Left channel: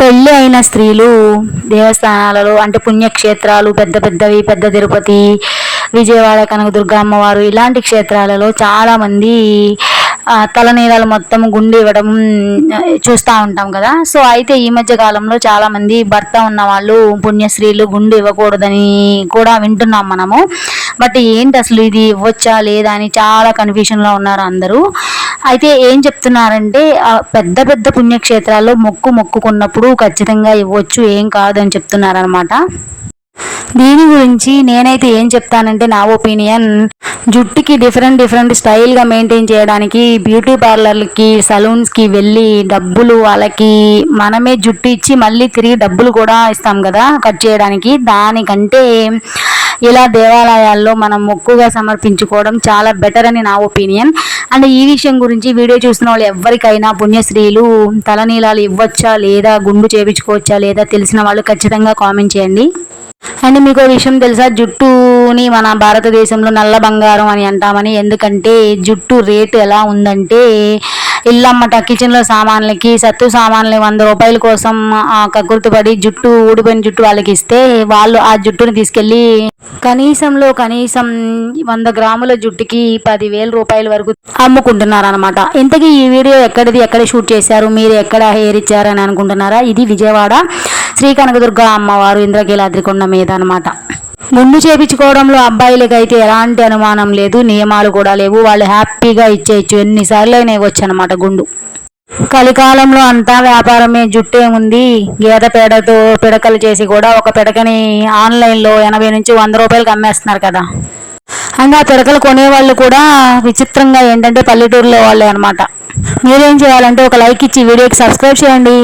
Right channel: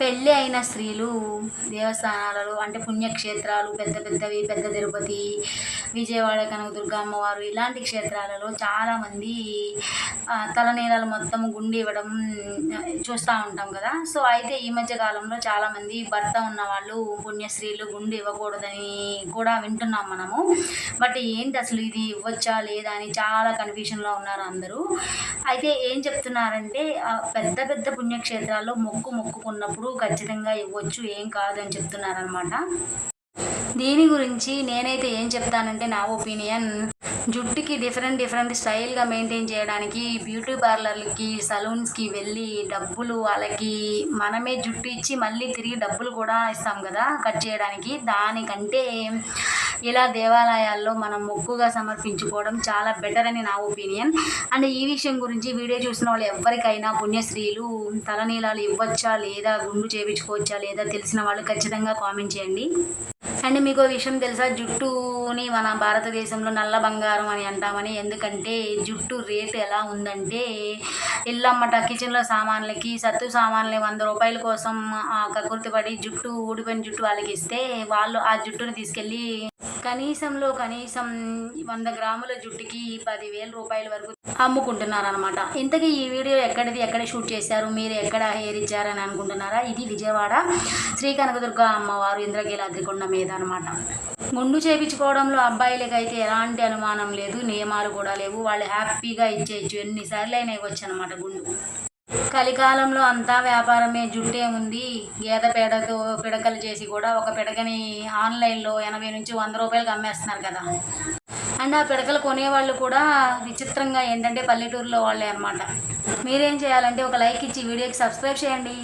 పెళ్ళి అయిన స్త్రీలు దేవస్థానాలలో అంటే పుణ్యక్షేత్రాలు పెద్ద పెద్దవి, పెద్ద తిరుపతి, విజయవాడ కనకదుర్గ అమ్మవారు ఇలాంటి క్షేత్రాలలో చాలామంది తలనీలాలు మొత్తం గుండు ఇవ్వడం చూస్తూ ఉంటాం కదా. సో అయితే ఈ మధ్య కాలంలో చాలామంది భర్త ఉన్న వాళ్ళు పుణ్యశ్రీలు గుండు ఇవ్వకూడదని కూడా వింటున్నాం మనము. బట్ ఏంటి అసలు ఇది ఇవ్వచ్చా లేదా అని చాలా కన్ఫ్యూషన్లో ఉన్నారు అందరూ. అయితే ఏం చెప్తున్నారంటే పెద్ద పెద్ద పుణ్యక్షేత్రాల్లో మొక్కుకున్నప్పుడు ఖచ్చితంగా ఇవ్వచ్చు, ఏం కాదని చెప్తున్నారనమాట. దీని గురించి నేనైతే ఏం చెప్తానంటే నా ఒపీనియన్, జుట్టుకి డిఫరెంట్ స్టైల్గా మెయింటైన్ చేయడానికి బ్యూటీ పార్లర్లకి, సలూన్స్కి వెళ్ళి డబ్బులు వాళ్ళకి మనమే జుట్టు ఇచ్చి మళ్ళీ తిరిగి డబ్బులు కూడా ఇస్తాం కదా కట్ చేయడానికి. దానికంటే ఇలా దేవాలయాల్లో మనం మొక్కుగా సమర్పించుకోవడం చాలా బెటర్ అని నా ఒపీనియన్. అండ్ ఈ విషయం గురించి వీడియో చూసిన వాళ్ళు ఎవరికైనా పుణ్యశ్రీలు తలనీలాలు ఇవ్వచ్చా లేదా, గుండు చేయించుకోవచ్చా లేదా తెలిసిన వాళ్ళు ఖచ్చితంగా కామెంట్ చేయండి. అండ్ మీకు విషయం తెలుసా, జుట్టుని మన భారతదేశంలో నల్ల బంగారం అని అంటామని. ఎందుకంటే జుట్టు రేటు ఎలా ఉందంటే, ఇల్లమ్మట కిచెన్లో సామాన్లకి, సత్తు సామాన్లు 100 రూపాయల కోసం కక్కుర్తిపడి జుట్టు ఊడిపోయిన జుట్టు వాళ్ళకి ఇస్తే వాళ్ళు ఆ జుట్టుని తీసుకెళ్ళి కనీసం 100 గ్రాముల జుట్టుకి 10,000 రూపాయల వరకు అమ్ముకుంటున్నారు అనమాట. ఇంతకీ ఈ వీడియో ఎక్కడ షూట్ చేశారు, మీరు ఎక్కడ హెయిర్ ఇచ్చారని అనుకుంటున్నారా? ఇది విజయవాడ శ్రీ కనకదుర్గ అమ్మవారు ఇంద్రకీలాద్రి కొండ మీద అనమాట. గుండు చేపించుకోవడంలో అబ్బాయిలకి అయితే ఎలాంటి అనుమానం లేదు, నియమాలు కూడా లేవు. వాళ్ళు హ్యాపీగా ఇచ్చేయచ్చు, ఎన్నిసార్లు అయినా ఇవ్వచ్చు అనమాట గుండు. కలికాలంలో అంతా వ్యాపారమే. జుట్టే ఉంది, గేదె పేడతో పిడకలు చేసి కూడా ఒక పిడకని ఆన్లైన్లో 80 నుంచి 100 రూపాయలకి అమ్మేస్తున్నారు కదా. అండ్ ఆ పిడకలు కొనేవాళ్ళు కూడా విచిత్రంగా ఏంటంటే పల్లెటూరులో వాళ్ళే అనమాట. మీరేం చేయాలంటే ఒక లైక్ ఇచ్చి వీడియోకి సబ్స్క్రైబ్ చేయండి.